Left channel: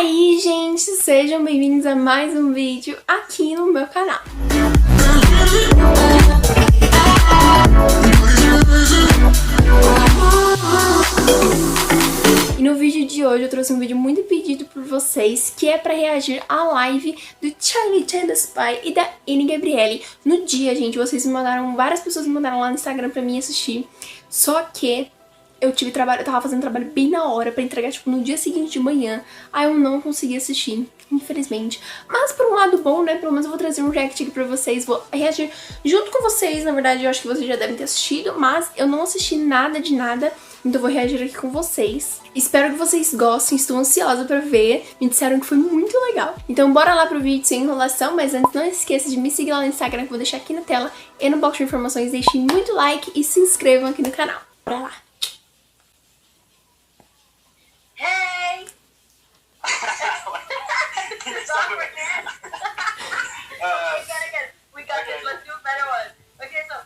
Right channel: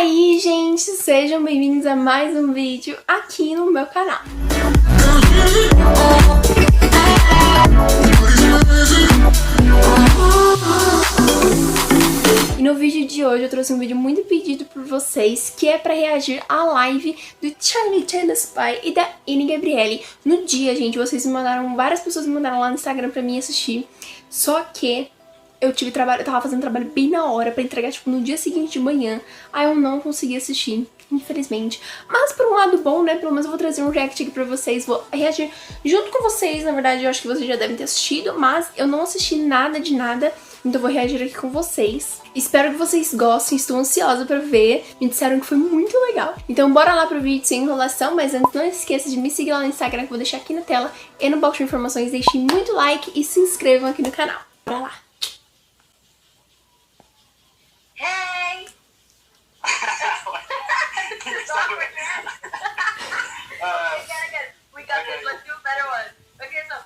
aí, gente, sejam bem-vindos a mais um vídeo aqui no meu canal. E no vídeo de hoje eu trouxe um vídeo muito pedido por vocês, que é pra reagir à live do Gillespie e da Gabrielly. No dia, gente, vocês me mandaram, várias pessoas me mandaram lá no Instagram pra mim assistir, só que eu tava fazendo trabalho bem na hora pra entregar, tipo, no dia seguinte de manhã. Aí eu não consegui assistir, infelizmente. Mas por um lado bom, né, pelo menos eu vou trazer um react aqui pra vocês. Vou reagir junto com vocês, na verdade eu acho que vocês já devem ter assistido, mas eu não assisti nada de nada, então eu vou reagir aqui com vocês. Espero que vocês gostem, estou ansiosa pra ver. Me disseram que foi muito legal. Então bora lá pro vídeo sem enrolação, mas antes não esqueça de me seguir lá no Instagram, que eu vou deixar aqui na tela e no box de informações. Deixem muito like e se inscrevam aqui no canal. Bora lá! Hey! We got this. Let's do a better one. Okay, so,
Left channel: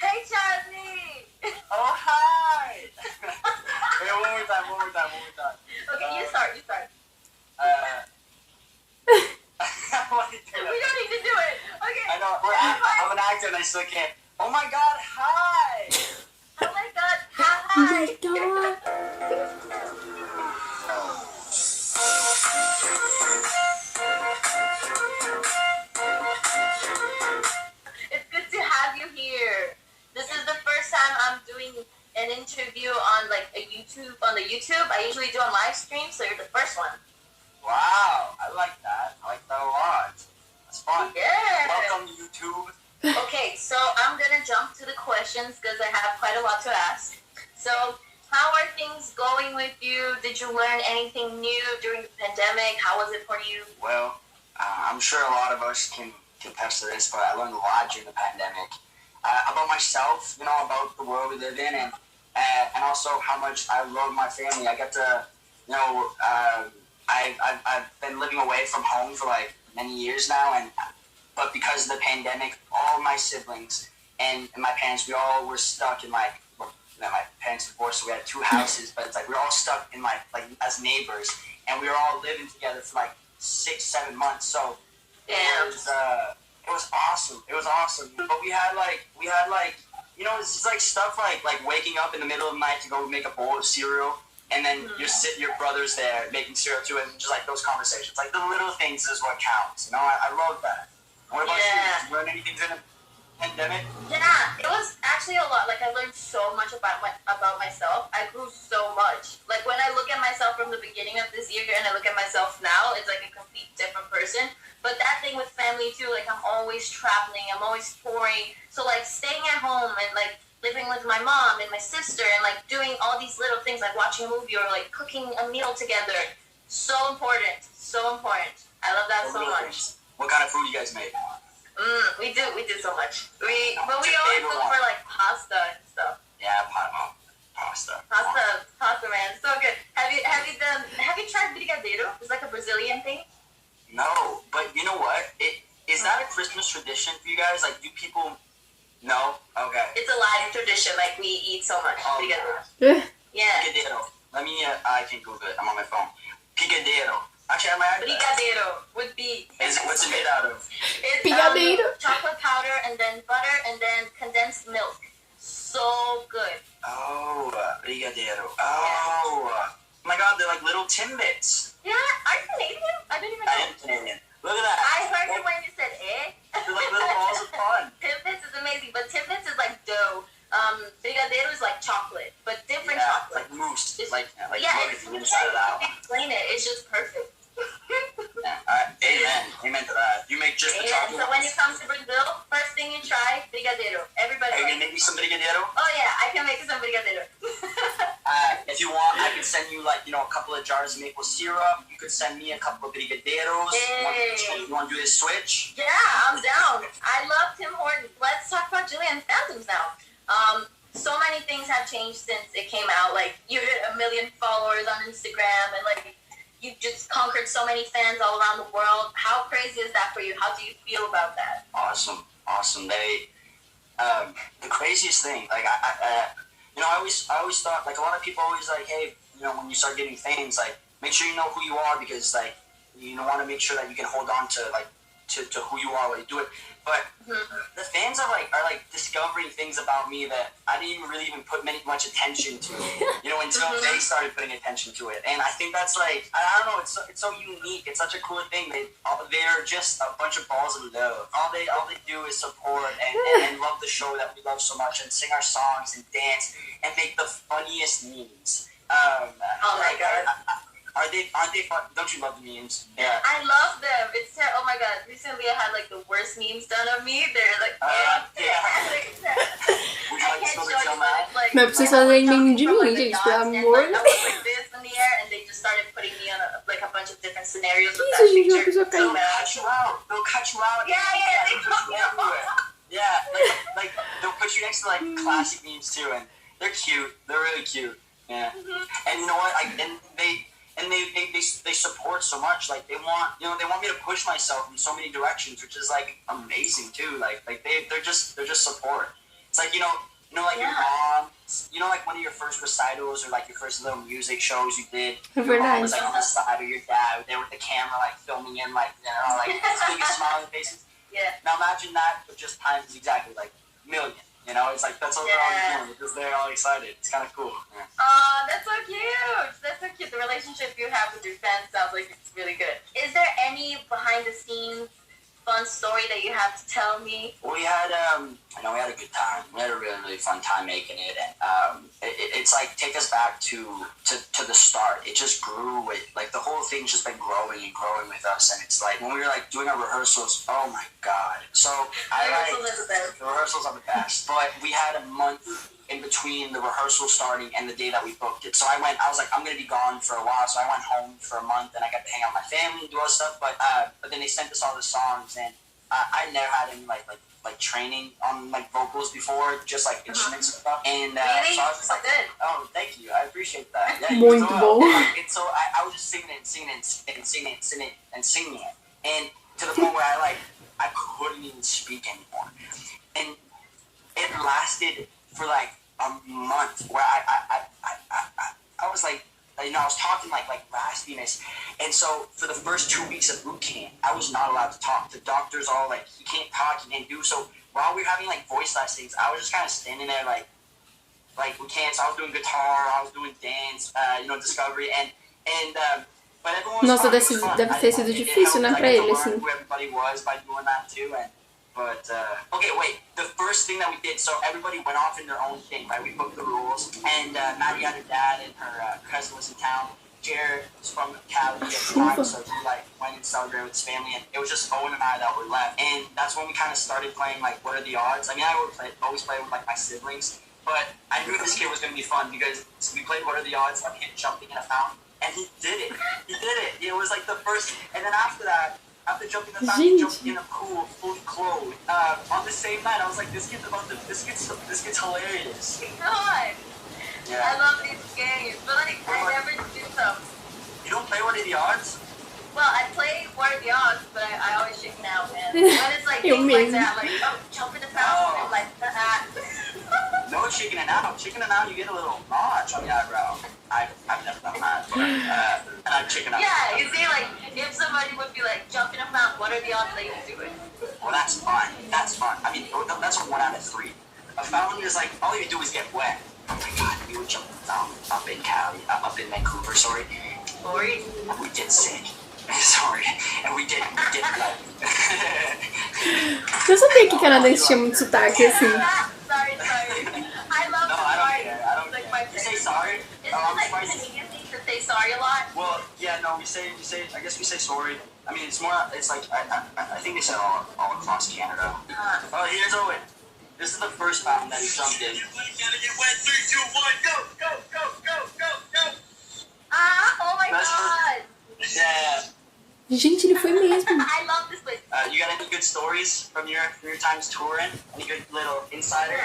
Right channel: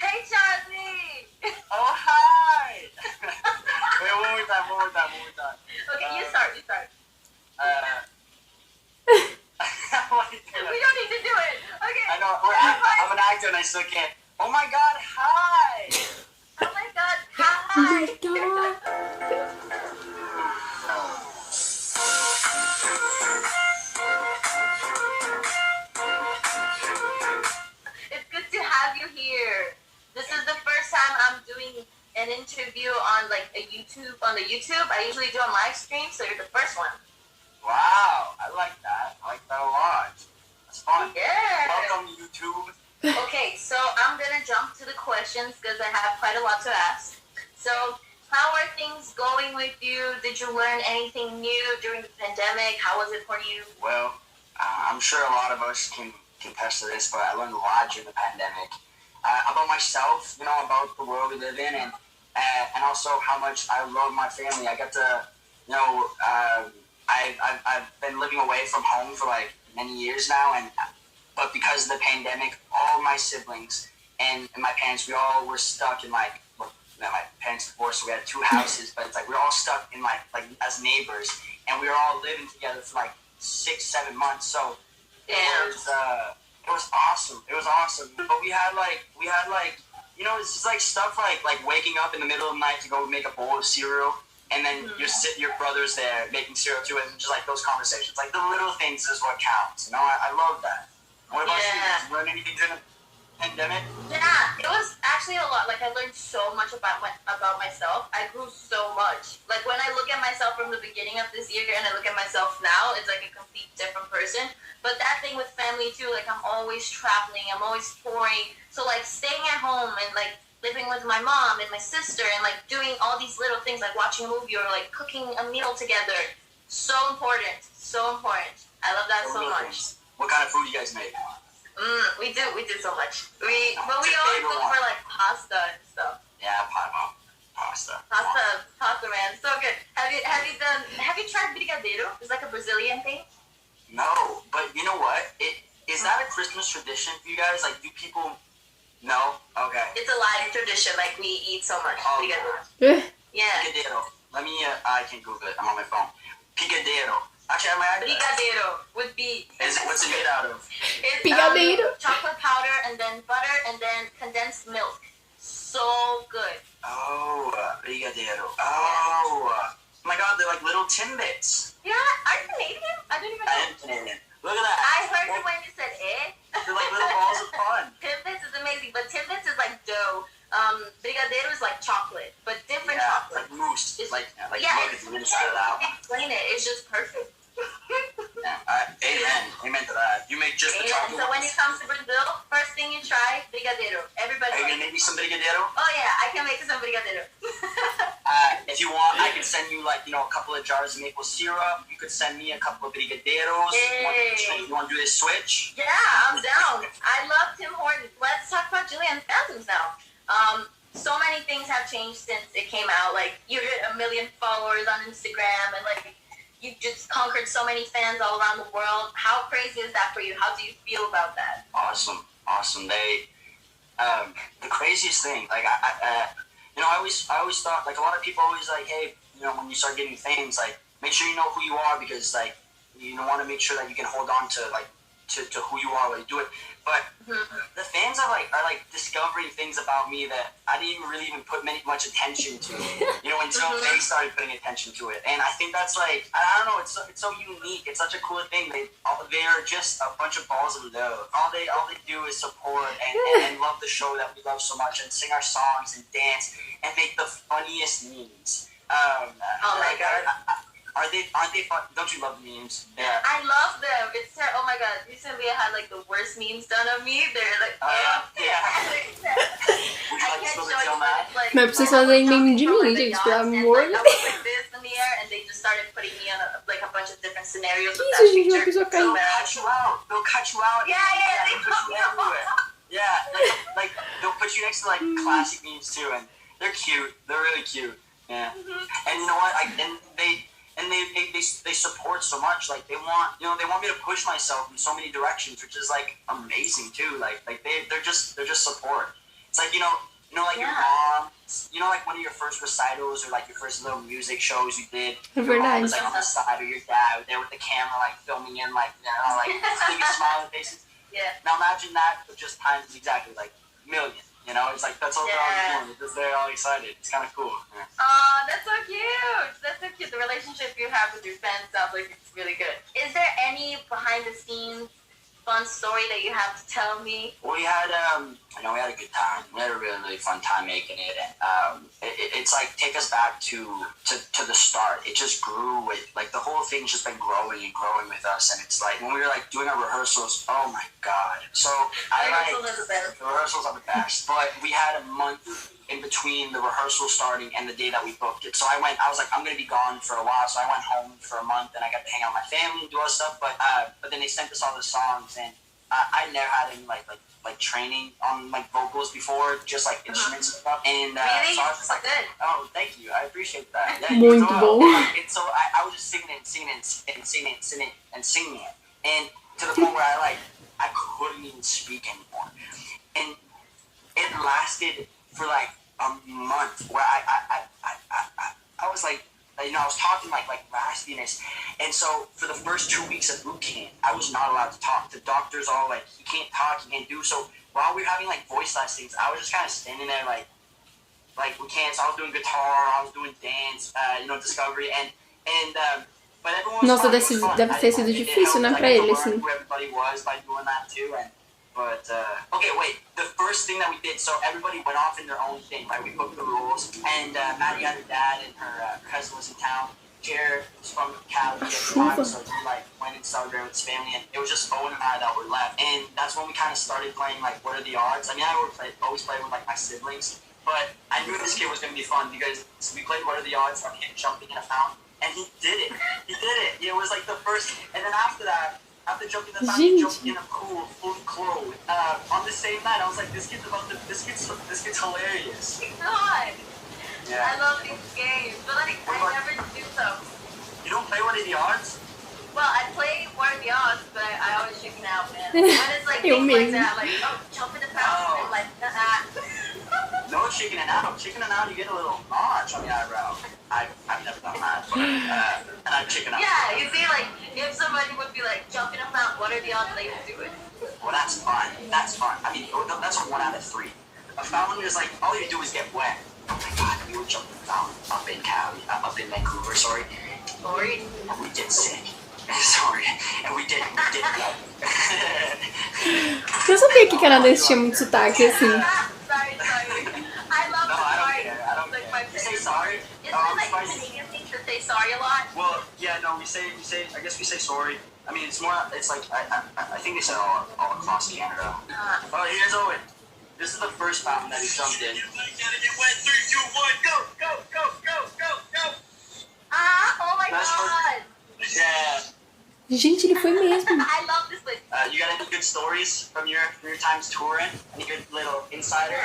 hey, Charlie! Oh, hi! Wait, one more time. Okay, you start. We don't need to do it. Okay. I know, I'm an actor and I still can't. Oh my god, hi! Oh my god, Oh hi! my god! It's good to have you here. This is the first time I'm doing an interview on the YouTube. I usually do a live stream, so you're the first one. Wow, I like that. I like that a lot. That's fun. Yeah. Welcome to YouTube. Okay, so I'm gonna jump to the questions because I have quite a lot to ask. So, how are things going with you? Did you learn anything new during the pandemic? How was it for you? Well, I'm sure a lot of us can attest to this, but I learned a lot during the pandemic. About myself, about the world we live in, and also how much I love my family. I get to, I've been living away from home for many years now, but because of the pandemic, all my siblings and my parents, we all were stuck in my parents divorced, so we had 2 houses, but it's we were all stuck in as neighbors, and we were all living together for 6-7 months. So Damn. it was awesome. It was awesome. But we had it's just stuff like waking up in the middle of the night to go make a bowl of cereal, and then your brother's there making cereal too, and just those conversations, the little things is what counts. I love that. What about you? Did you learn anything during the pandemic? Yeah, it was actually a lot. I learned so much about myself. I grew so much. When I look at myself from the beginning of this year and I look at myself now, it's a complete different person. But that thing with family too, I'm always traveling, I'm always touring. So staying at home and living with my mom and my sister and doing all these little things, watching a movie or cooking a meal together. So important. So important. I love that so much. What kind of food you guys make? We do so much. We always look for pasta and stuff. Yeah, pasta. Pasta, man, so good. Have you tried brigadeiro? It's a Brazilian thing. No, but you know what? Is that a Christmas tradition for you guys? Do people? No. Okay. It's a live tradition. We eat so much brigadeiro. Yeah. Brigadeiro. Let me. I can Google it. I'm on my phone. Brigadeiro. Actually, I might. Brigadeiro would be. What's it made out of? It's Brigadeiro. Chocolate powder and then butter and then condensed milk. So good. Oh, brigadeiro. Oh. Oh my God, they're little Timbits. Yeah, are you Canadian? I didn't even know. I am Canadian. Look at that. I heard it when you said eh. They're little balls of fun. Timbits is amazing, but Timbits is dough. Brigadeiro is chocolate, but different chocolate. Mousse. It's, look yeah, at the inside of that one. Explain it. It's just perfect. Yeah. Amen to that. You make just the chocolate. So when it comes to Brazil, first thing you try, brigadeiro. Everybody. Are you gonna make me some brigadeiro? Oh yeah, I can make some brigadeiro. If you want, I can send you a couple of jars of maple syrup. You could send me a couple of brigadeiros. Hey. You want to do this switch? Yeah, I'm down. I love Tim Hortons. Let's talk about Julian Phantoms now. So many things have changed since it came out. You hit 1 million followers on Instagram, and you just conquered so many fans all around the world. How crazy is that for you? How do you feel about that? Awesome. They, the craziest thing, I always thought, a lot of people always hey, when you start getting fans, make sure you know who you are, because you want to make sure that you can hold on to like to who you are while you do it. But the fans are like discovering things about me that I didn't even really put much attention to, until they started putting attention to it. And I think that's like, I don't know, it's so unique. It's such a cool thing. They're just a bunch of balls of love. All they do is support and love the show that we love so much, and sing our songs and dance and make the funniest memes. Oh my god. Aren't they fun? Don't you love the memes? Yeah. I love them. It's oh my god. Recently I had like the worst memes done of me. They're like yeah. Would you like to spill the tea on that? Mas pra vocês fazerem meme de mim, gente, pelo amor de Deus. I was like this in the air, and they just started putting me on like a bunch of different scenarios with that Isso, gente, uma picture. pessoa caiu. They'll cut you out. Yeah, They put you everywhere. Yeah, like they'll put you next to like classic memes too, and they're cute. They're really cute. Yeah. And you know what? They support so much. Like they want me to push myself in so many directions, which is like amazing too. Like they're just support. It's like like your mom, like one of your first recitals or like your first little music shows you did. Your mom was like on the side, or your dad there with the camera like filming in like biggest smiling faces. Yeah. Now imagine that, but just times exactly like million. It's like that's all they're all doing because they're all excited. It's kind of cool. Yeah. That's so cute. That's so cute. The relationship you have with your fans sounds like it's really good. Is there any behind the scenes fun story that you have to tell me? Well, we had we had a good time. We had a really, really fun time making it, and it's like take us back to the start. It just grew with like the whole thing's just been growing and growing with us, and it's like when we were like doing our rehearsals. Oh my god! So the rehearsals are the best, but we had a month in between the rehearsal starting and the day that we booked it. So I was like, I'm gonna be gone for a while. So I went home for a month, and I got to hang out with my family and do all this stuff. But then they sent us all the songs, and I never had any like training on like vocals before, just like instruments and stuff. And really? So I was just like, oh, thank you, I appreciate that. Yeah, Muito bom. And so I was just singing it, and to the point where I couldn't even speak anymore, and it lasted for like a month where I was like, I was talking like raspiness, and so for the first 2 weeks of boot camp, I was not allowed to talk. The doctors all like, he can't talk, he can't do. So while we were having like voice lessons, I was just kind of standing there like we can't. So I was doing guitar, I was doing dance, discovery, and but everyone was Nossa, fun. deve ter sido difícil, né, pra ele, assim. Who everybody was by doing that too, But, okay, wait, the first thing that we did, so everybody went off in their own thing, right? We booked the rules, and Maddie had her dad and her cousin was in town. Jared was from Cali at the time, so he, went and celebrated with his family, and it was just Owen and I that were left. And that's when we kind of started playing, What Are the Odds? I mean, I always played with, my siblings, but I knew this kid was going to be fun, because we played What Are the Odds, our kid jumping in a fountain, and he did it. It was, the first, and then after that, after jumping in the fountain, he jumped in a pool, fully clothed. On the same night, I was like, this kid's hilarious. God. Yeah. I love these games, but I never do them. You don't play What Are the Odds? Well, I play What Are the Odds, but I always chicken out, man. When it's things like that, jump in the fountain, and No chickening out. Chickening out, you get a little notch on the eyebrow. I've never done that, but and I chicken out. Yeah, you see, if somebody would be jump in a fountain, what are the odds they would do it? Well, that's fun. I mean, that's a 1 out of 3. A fountain is all you do is get wet. Oh my god, we would jump in the fountain up in Cali, up in Vancouver, sorry. Sorry? And we get sick. Sorry. And we get Eu sabia que canadense tinha muito sotaque, assim. Sorry. I love the sorry. I don't care. You say sorry? Isn't it Canadian things to say sorry a lot? Well, yeah, no, we say, I guess we say sorry. I mean, it's I think they say all across Canada. Oh, here's Owen. This is the first fountain that he jumped in. Gotta get wet. 3, 2, 1, go. Oh my god. Yeah. Gente, ele foi mesmo. I love this place. You got any good stories from your times touring? Any good little insider?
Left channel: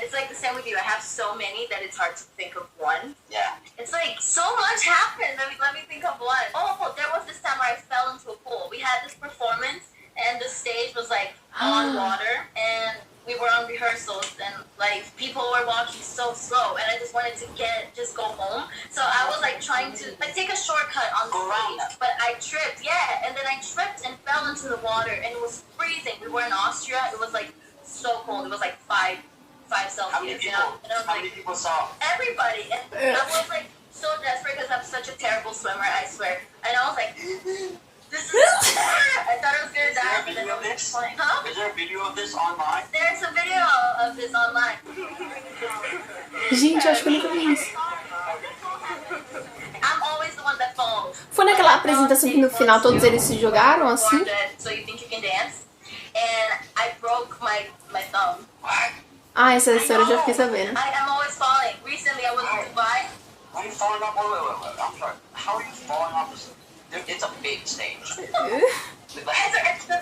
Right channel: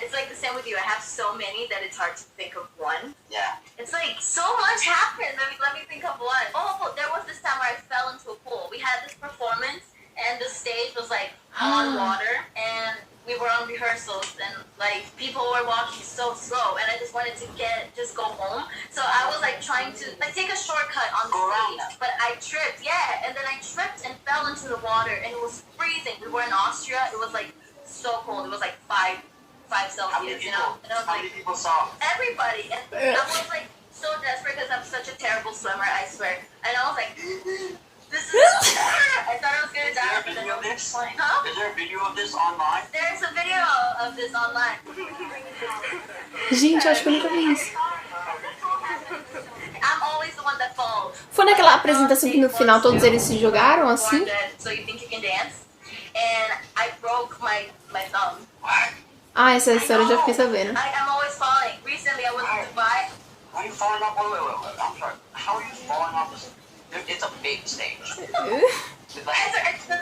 It's the same with you. I have so many that it's hard to think of one. Yeah. It's so much happened. Let me think of one. Oh, there was this time where I fell into a pool. We had this performance, and the stage was on water, and we were on rehearsals, and people were walking so slow, and I just wanted to just go home. So I was trying to take a shortcut on the stage, but I tripped, yeah, and then I tripped and fell into the water, and it was freezing. We were in Austria. It was like so cold. It was like 5 Celsius, you know. And I was How like, many people saw? everybody, and I was like so desperate because I'm such a terrible swimmer, I swear. And I was like, this is. I thought I was gonna die. Is there a video of this? Huh? Is there a video of this online? There's a video of this online. Gente, eu acho que eu nunca vi isso. I'm always the one that falls. Foi naquela apresentação que no final todos eles se jogaram assim? So you think you can dance? And I broke my thumb. What? Ah, essa história eu já fiquei sabendo. I'm always falling. Recently I was in Dubai. Why are you falling off? Wait. I'm sorry. How are you falling off this? It's a big stage. It's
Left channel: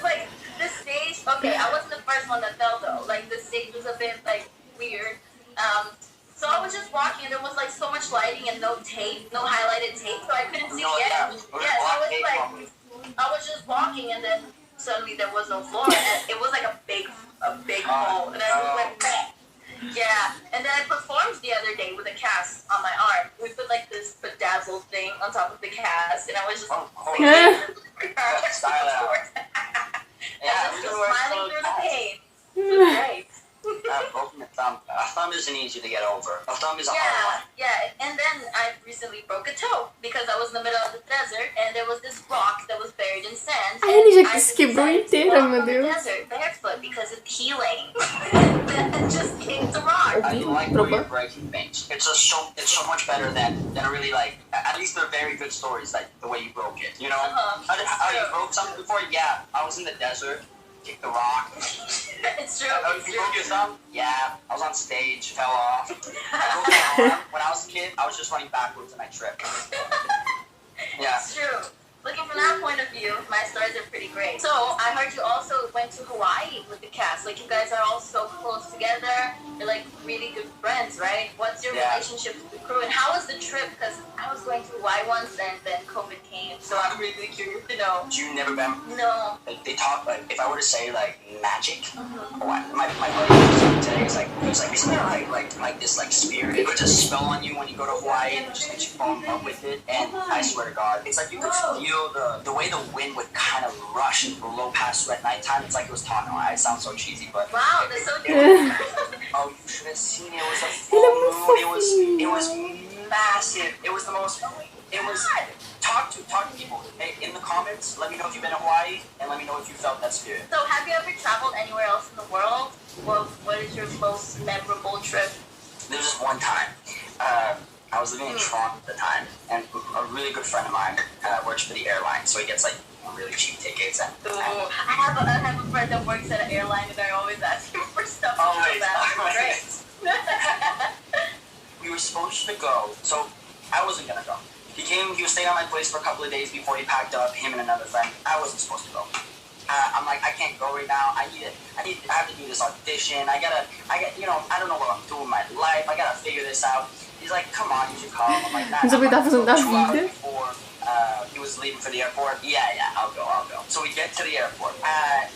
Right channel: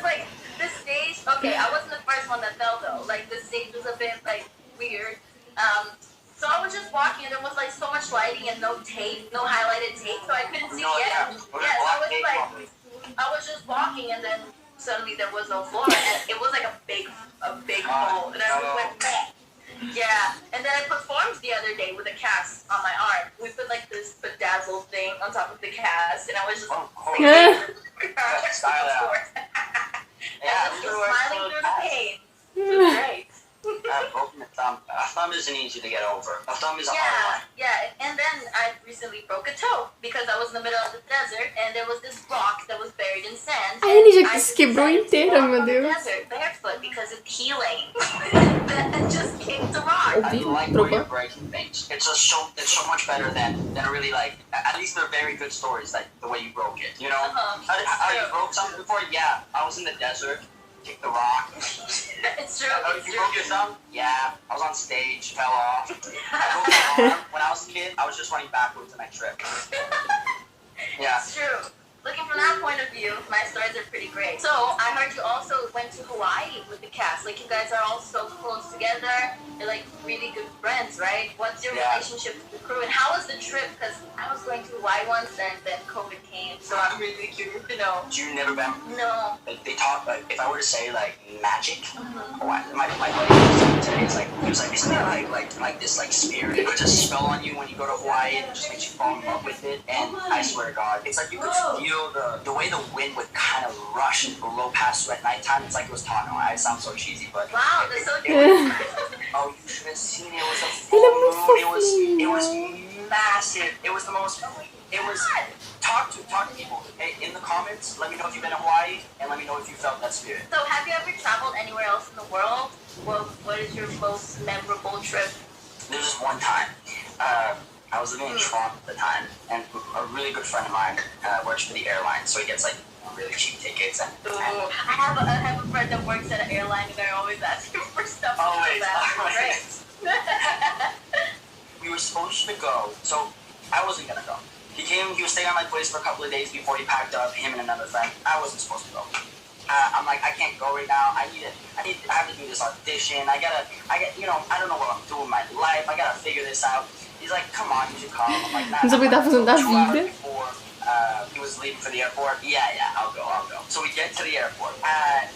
like the stage. Okay, I wasn't the first one that fell though. Like the stage was a bit like weird. So I was just walking and there was like so much lighting and no tape, no highlighted tape, so I couldn't see the end. Yeah, so I was like, I was just walking and then suddenly there was no floor and it was like a big hole and I just went back. Yeah, and then I performed the other day with a cast on my arm. We put like this bedazzled thing on top of the cast and I was just Style out. I was just smiling through the pain. It was great. I've broken a thumb. A thumb isn't easy to get over. A thumb is a hard one. Yeah, and then I recently broke a toe because I was in the middle of the desert and there was this rock that was buried in sand. Ai, ele já I se quebrou decided to inteira, walk meu on the Deus. desert barefoot because of healing. And just came to rock. I like where you're breaking things. It's so much better than a really like. At least they're very good stories, like the way you broke it. You know, how you broke something before? Yeah, I was in the desert. Kicked the rock. It's true. Oh, you broke your thumb? Yeah, I was on stage, fell off. I broke my arm. When I was a kid, I was just running backwards and I tripped. Yeah. It's true. Looking from that point of view, my stories are pretty great. So, I heard you also went to Hawaii with the cast. Like, you guys are all so close together. You're, like, really good friends, right? What's your relationship with the crew? And how was the trip? Because I was going to Hawaii once, and then COVID came. So, I'm really curious to know. You never been? No. Like, they talk, like, if I were to say, like, magic, Hawaii, my buddy was saying today, he was like, isn't there, like this, like, spirit? It puts a spell on you when you go to Hawaii, and it just makes you fall in love with it. And I swear to God, it's like you could feel the way the wind would kind of rush and blow past you at nighttime. It's like it was talking. I sound so cheesy, but Wow, that's so it cute. oh, you should have seen it. It was a full moon. It was massive. It was the most. It was talk to people. Hey, in the comments, let me know if you've been to Hawaii, and let me know if you felt that spirit. So, have you ever traveled anywhere else in the world? What is your most memorable trip? There was just one time. I was living in Toronto at the time, and a really good friend of mine works for the airline, so he gets like really cheap tickets. And I have a friend that works at an airline, and I always ask him for stuff. Always. Great. We were supposed to go, so I wasn't gonna go. He was staying at my place for a couple of days before he packed up, him and another friend. I wasn't supposed to go. I'm like, I can't go right now. I have to do this audition. I don't know what I'm doing with my life. I gotta figure this out. He's like, come on, you should come. I'm like, nah. Não sabia o que tava fazendo da 2 hours vida. before he was leaving for the airport. Yeah, I'll go. So we get to the airport,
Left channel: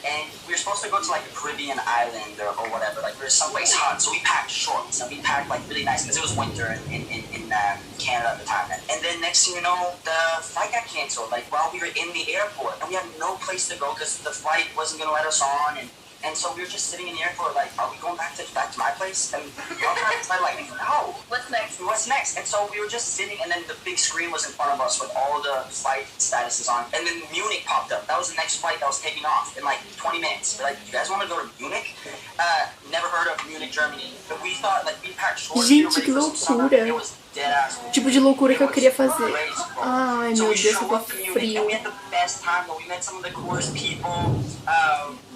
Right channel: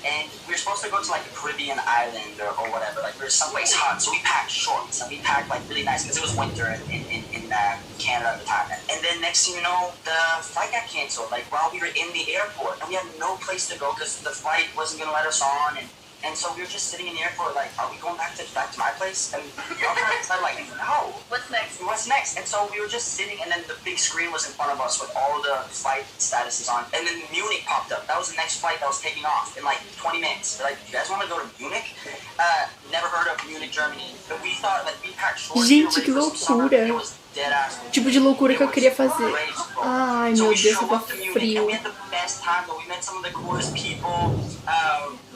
and we were supposed to go to like a Caribbean island or whatever. Like we were someplace hot, so we packed shorts and we packed like really nice because it was winter in Canada at the time. And then next thing you know, the flight got canceled. Like while we were in the airport, and we had no place to go because the flight wasn't gonna let us on. And so we were just sitting in the airport, like, are we going back to my place? And we were like, no. What's next? And so we were just sitting, and then the big screen was in front of us with all the flight statuses on. And then Munich popped up. That was the next flight that was taking off in like 20 minutes. They're like, you guys want to go to Munich? Never heard of Munich, Germany. But we thought, like, we packed shorts. Gente, que loucura. It was dead ass. Tipo de loucura que eu queria fazer. Crazy, bro. Ai, So meu we Deus, show eu tô up to Munich, frio. and we had the best time, but we met some of the coolest people.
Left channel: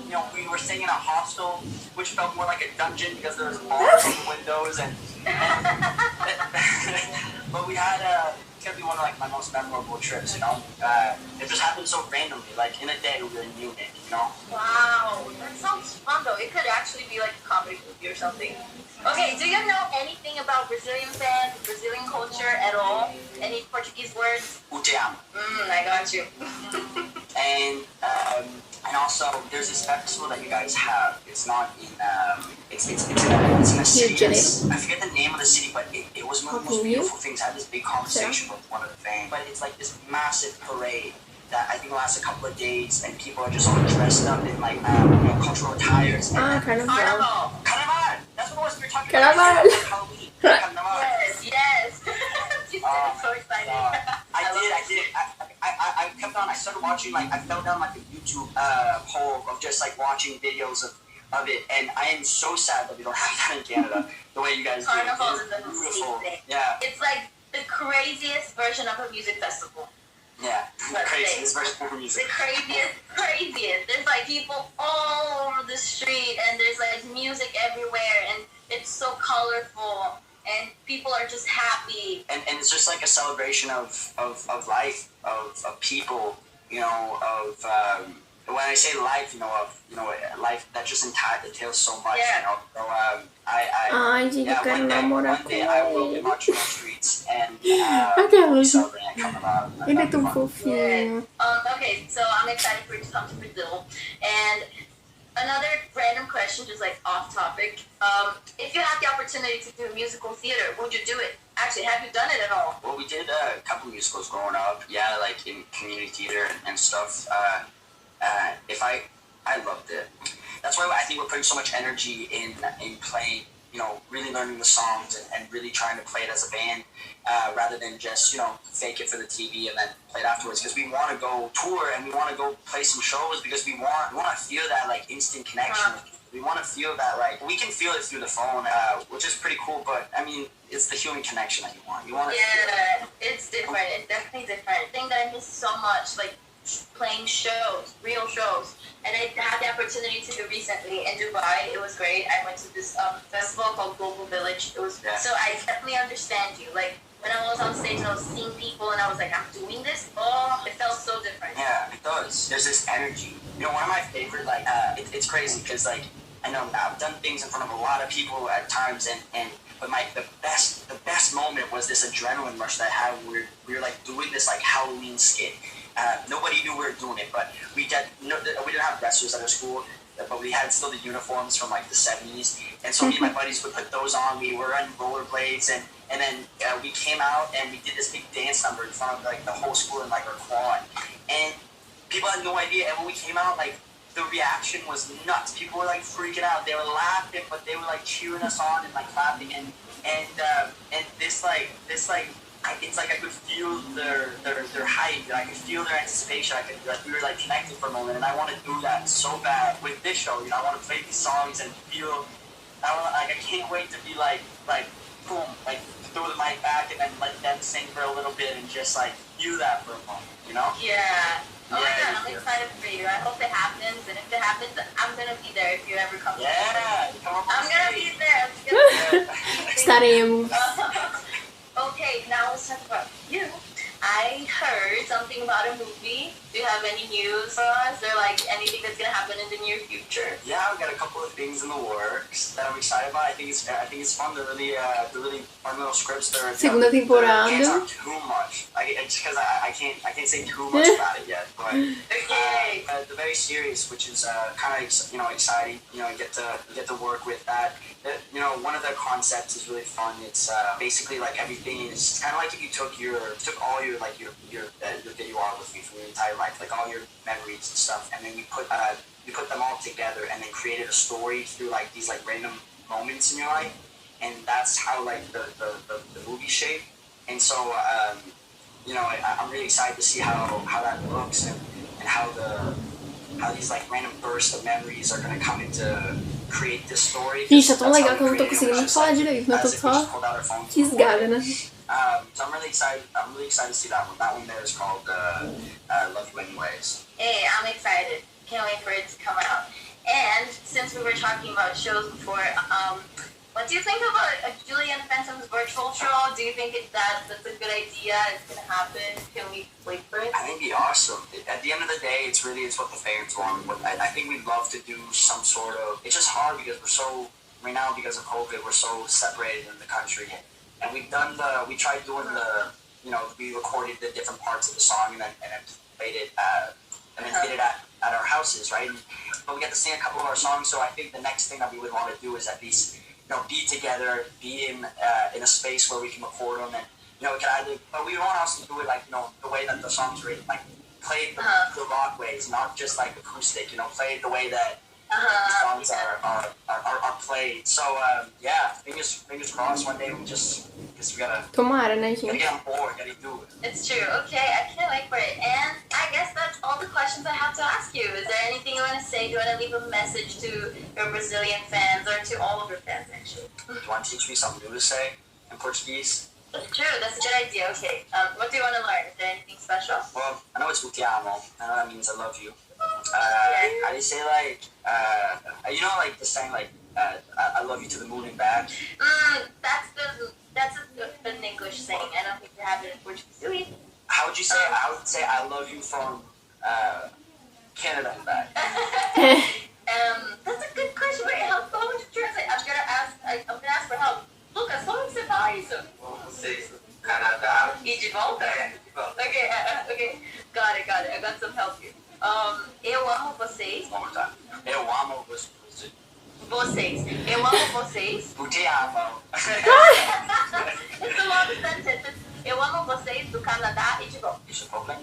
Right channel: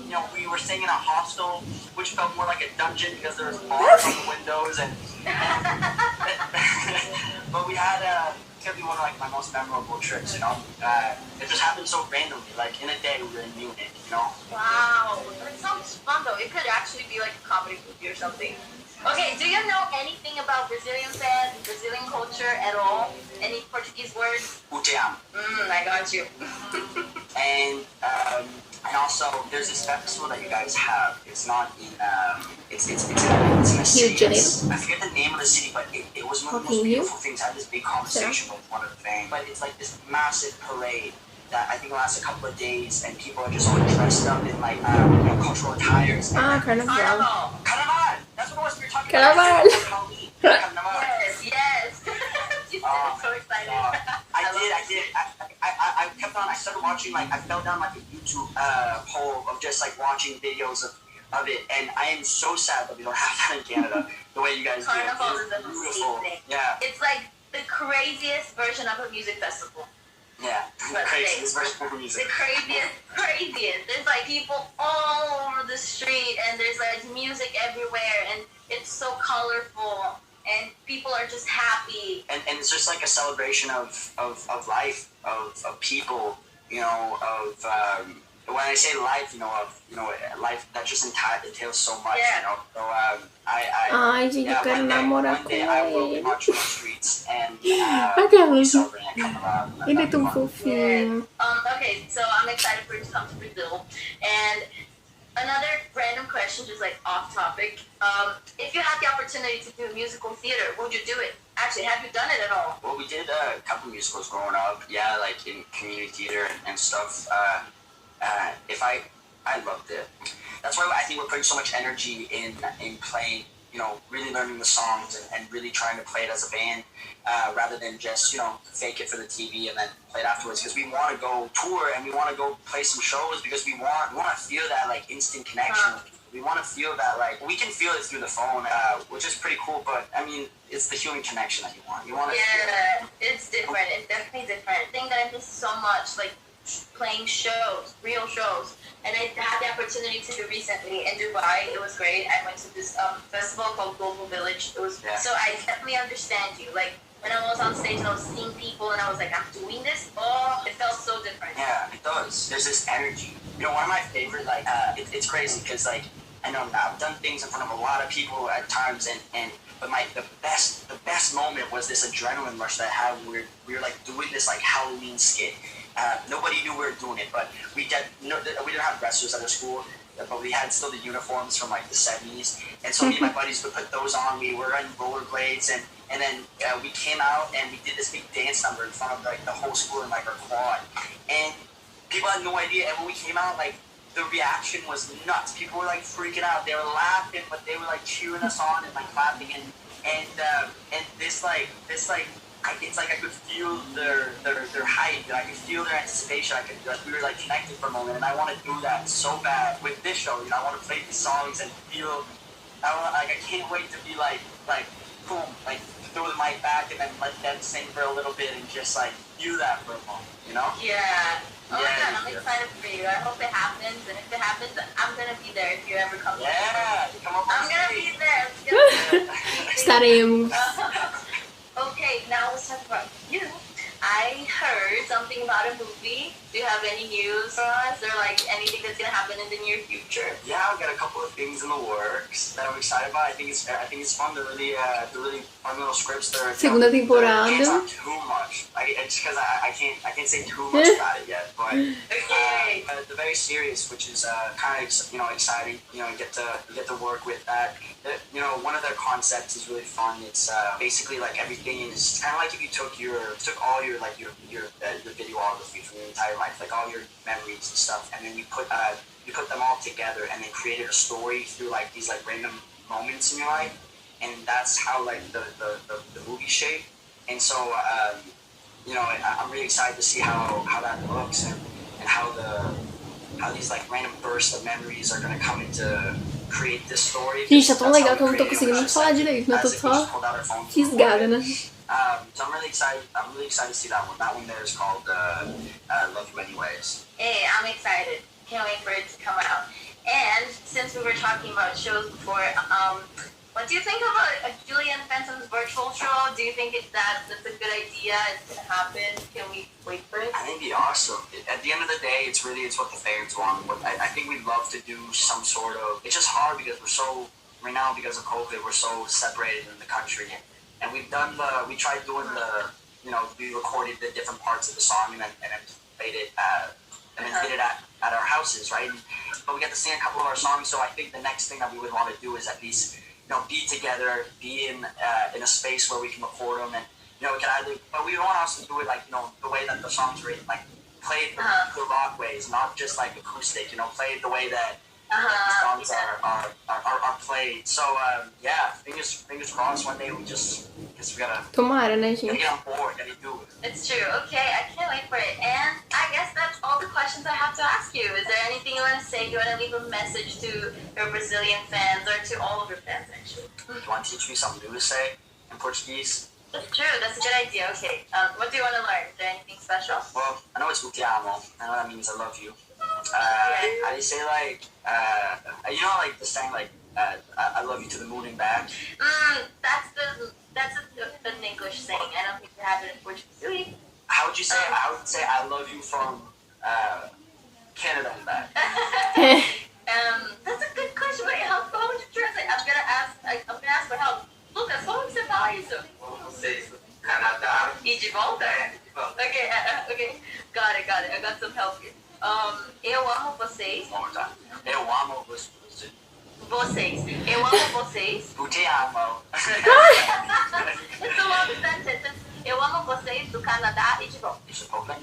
You know, we were staying in a hostel, which felt more like a dungeon because there was bars on the windows, and but we had it's gonna be one of like my most memorable trips. You know, it just happened so randomly. Like in a day, we were in Munich. You know. Wow, that sounds fun though. It could actually be like a comedy movie or something. Okay, do you know anything about Brazilian fans, Brazilian culture at all? Any Portuguese words? Tenham. I got you. And also, there's this festival that you guys have. It's not in it's in a city. I forget the name of the city, but it was one of the most beautiful things. I had this big conversation with one of the fans. But it's like this massive parade that I think lasts a couple of days, and people are just all dressed up in like cultural attires. Ah, carnaval. Carnaval. That's what it was we were talking Carnaval. about. Halloween. Carnaval. Yes. You said it so excited. I did. I kept on. I started watching, like, I fell down like a YouTube hole of just like watching videos of it, and I am so sad that we don't have that in Canada the way you guys do. Carnival It's is beautiful. amazing. Yeah. It's like the craziest version of a music festival. Yeah. Let's Crazy. say. It's very cool music. The craziest. There's like people all over the street, and there's like music everywhere, and it's so colorful, and people are just happy. And it's just like a celebration of life, of people, when I say life, life that just entails so much, Yeah. So Ai, gente, eu quero namorar one com day I will be ele. marching on the streets and Aquela. we'll be celebrating Carnaval. Ele é tão fofinho. Okay, so I'm excited for it to come to Brazil. And another random question, just like off topic. If you had the opportunity to do musical theater, would you do it? Actually, have you done it at all? Well, we did a couple musicals growing up. Yeah, like in community theater and stuff. I loved it. That's why I think we're putting so much energy in playing, really learning the songs and really trying to play it as a band, rather than just, fake it for the TV and then play it afterwards. Because we want to go tour and we want to go play some shows because we want to feel that like instant connection with people. We want to feel that, like, we can feel it through the phone, which is pretty cool, but I mean, it's the human connection that you want. You want to feel it. It's different. It's definitely different. The thing that I miss so much, like playing shows, real shows. And I had the opportunity to do recently in Dubai. It was great. I went to this festival called Global Village. It was so I definitely understand you. Like when I was on stage and I was seeing people and I was like, I'm doing this. Oh, it felt so different. Yeah, it does. There's this energy. One of my favorite, like, it's crazy because, like, I know I've done things in front of a lot of people at times, but the best moment was this adrenaline rush that I had. We were like doing this like Halloween skit. Nobody knew we were doing it, but we didn't have wrestlers at our school, but we had still the uniforms from like the 70s, and so me and my buddies would put those on. We were on rollerblades, and then we came out and we did this big dance number in front of like the whole school in like our quad, and people had no idea. And when we came out, like, the reaction was nuts. People were like freaking out. They were laughing, but they were like cheering us on and like clapping, and this it's like I could feel their hype, and I could feel their anticipation. We were like connected for a moment, and I want to do that so bad with this show. I want to play these songs and feel. I can't wait to be like boom, like throw the mic back and then let them sing for a little bit and just like do that for a moment, Yeah. Oh my Yeah, God, I'm excited for you. I hope it happens, and if it happens, I'm gonna be there if you ever come. Yeah, you come up on I'm gonna stage. be there. It's gonna be Estaremos. Okay, now let's talk about you. I heard something about a movie. Do you have any news for us, or like anything that's gonna happen in the near future? Yeah, I've got a couple of things in the works that I'm excited about. I think it's fun. They're really fun little scripts. Segunda temporada. Can't talk too much. It's because I can't say too much about it yet. But they're very serious, which is kind of exciting. Get to work with that. One of their concepts is really fun. It's basically like everything is kind of like if you took all your videography from your entire life, like all your memories and stuff, and then you put them all together and then created a story through like these like random moments in your life, and that's how like the movie shape. And so I'm really excited to see how that looks and how these like random bursts of memories are going to come into create this story. Gente, tá tão legal que eu não tô conseguindo falar direito, né? Eu tô só fisgada, né? So I'm really excited to see that one. That one there is called Love You Anyways. Hey, I'm excited. Can't wait for it to come out. And since we were talking about shows before, what do you think about a Julian Phantom's virtual show? Do you think that's a good idea? It's gonna happen? Can we wait for it? I think it'd be awesome. At the end of the day, it's what the fans want. I think we'd love to do some sort of. It's just hard because right now because of COVID, we're so separated in the country. And we tried doing we recorded the different parts of the song and then played it and then did it at our houses, right? But we got to sing a couple of our songs, so I think the next thing that we would want to do is at least be together, be in a space where we can record them, and we can either. But we want to also do it like the way that the songs written, like play it the rock ways, not just like acoustic. You know, play it the way that the songs are played. So yeah, fingers crossed. One day we guess we gotta. Tomara, né, gente? Gotta get on board. Gotta do it. It's true. Okay, I can't wait for it. And I guess that's all the questions I have to ask you. Is there anything you want to say? Do you want to leave a message to your Brazilian fans or to all of your fans, actually? Do you want to teach me something new to say in Portuguese? That's true. That's a good idea. Okay. What do you want to learn? Is there anything special? Well, I know it's te amo. I know that means I love you. How do you say like, you know, like the saying like, I love you to the moon and back? That's an English saying. I don't think you have it in Portuguese. Do you? How would you say? I would say I love you from Canada and back. That's a good question. Wait, how would you translate? I'm gonna ask for help. Lucas, como você fala isso? Vocês do Canadá E de volta? de volta. Okay, okay. Got it. I got some help here. Eu amo vocês. One more time. Eu amo vocês. Vocês. Eu amo vocês. Te amo. It's a long sentence. Eu amo vocês do Canadá e de volta. Isso é problema.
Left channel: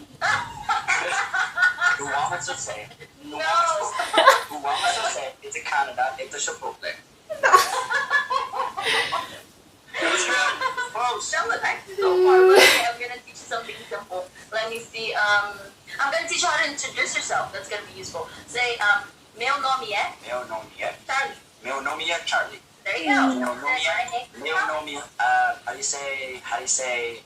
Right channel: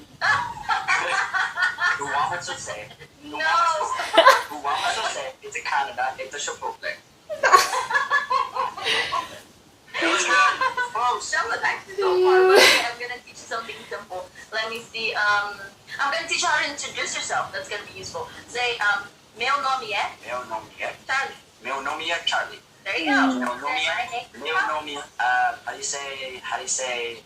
Eu amo você. No. Eu amo você. It's a Canada. It's a problema. That was actually so far. But okay, I'm gonna teach you something simple. Let me see. I'm gonna teach you how to introduce yourself. That's gonna be useful. Say, meu nome é Meu nome é. Charlie. Meu nome é Charlie. There you go. Meu nome é. Meu nome é. How do you say?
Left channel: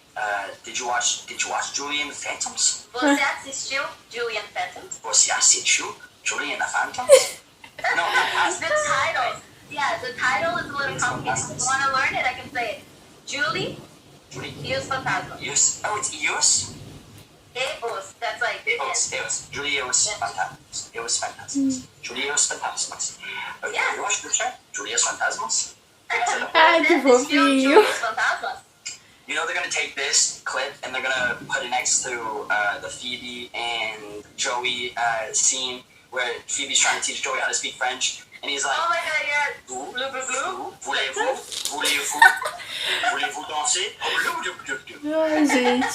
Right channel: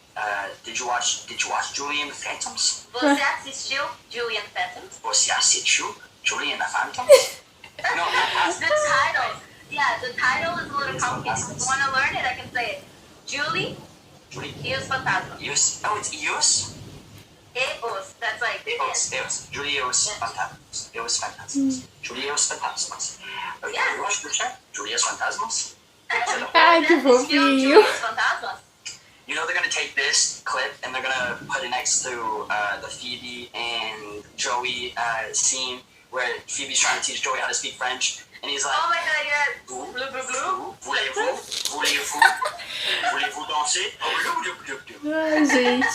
Did you watch Julian Phantoms? Você assistiu Julian Phantoms? Você assistiu Julian Phantoms? No, The title. Yeah, the title is a little complicated. If you want to learn it, I can say it. Julie e os fantasmas. Oh, it's Eos? E os. That's like Eos. Julios Fantasmas. Eos Fantasmas. Julios Fantasmas. Yeah. Eu acho que é Julios Fantasmas. Ai, que fofinho. Os fantasmas? You know they're gonna take this clip and they're gonna put it next to the Phoebe and Joey scene where Phoebe's trying to teach Joey how to speak French, and he's like, Oh my god, yeah. Blue, blue, blue. Voulez-vous danser? Ai, gente.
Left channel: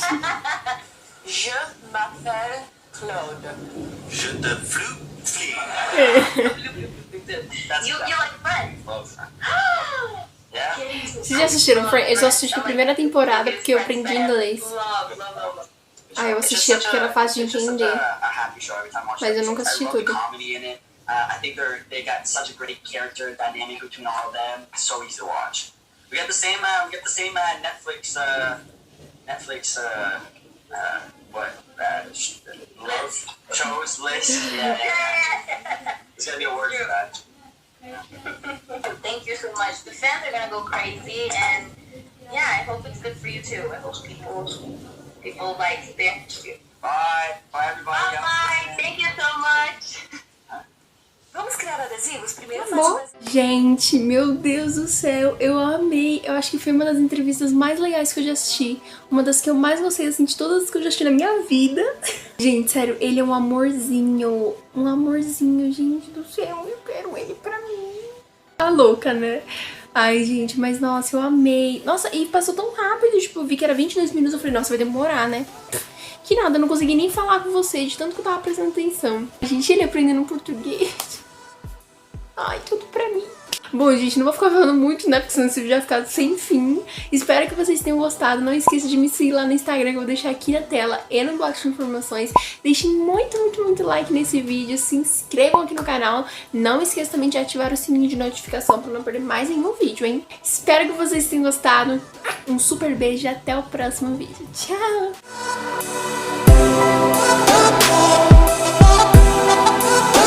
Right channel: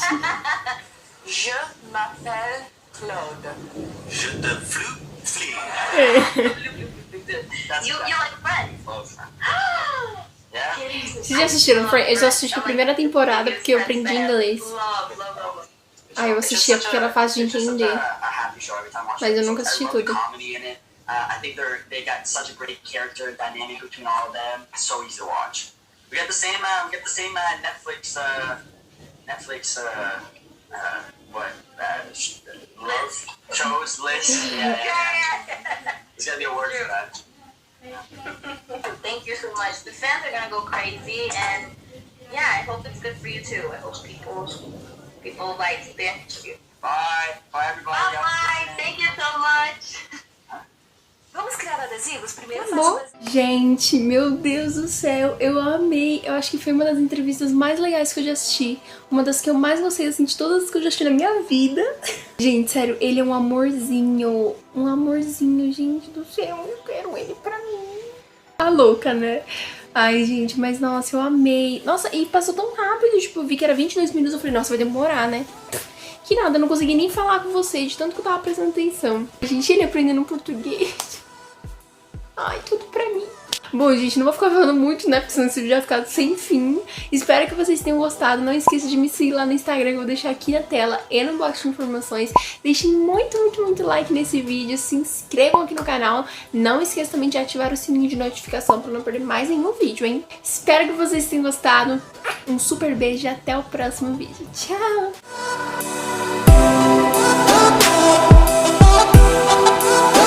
Je m'appelle Claude. Je te flu. You like French? Love French. Yeah? Vocês já assistiram Friends? Eu só assisti a primeira temporada porque eu aprendi inglês. Love. Ah, eu assistia porque era fácil de entender. Mas eu nunca assisti tudo. I think they got such a great character dynamic between all of them. It's so easy to watch. We got the same Netflix love shows list. Yeah. There's gotta be a word for that. Thank you so much. The fans are gonna go crazy, and yeah, I hope it's good for you too. I hope people like the interview. Bye everybody. Bye. Thank you so much. Vamos criar adesivos? Primeiro Bom, gente, meu Deus do céu, eu amei. Eu acho que foi uma das entrevistas mais legais que eu já assisti. Uma das que eu mais gostei, assim, de todas as que eu já assisti na minha vida. Gente, sério, ele é um amorzinho. Um amorzinho, gente do céu. Eu quero ele pra mim. Tá louca, né? Ai, gente, mas nossa, eu amei. Nossa, e passou tão rápido, tipo, eu vi que era 22 minutos. Eu falei, nossa, vai demorar, né? Que nada, eu não consegui nem falar com vocês, de tanto que eu tava prestando atenção. Gente, ele aprendendo português. Ai, tudo pra mim. Bom, gente, não vou ficar falando muito, né? Porque senão esse vídeo vai ficar sem fim. Espero que vocês tenham gostado. Não esqueça de me seguir lá no Instagram, que eu vou deixar aqui na tela e no box de informações. Deixem muito like nesse vídeo. Se inscrevam aqui no canal. Não esqueça também de ativar o sininho de notificação pra não perder mais nenhum vídeo, hein? Espero que vocês tenham gostado. Um super beijo e até o próximo vídeo. Tchau!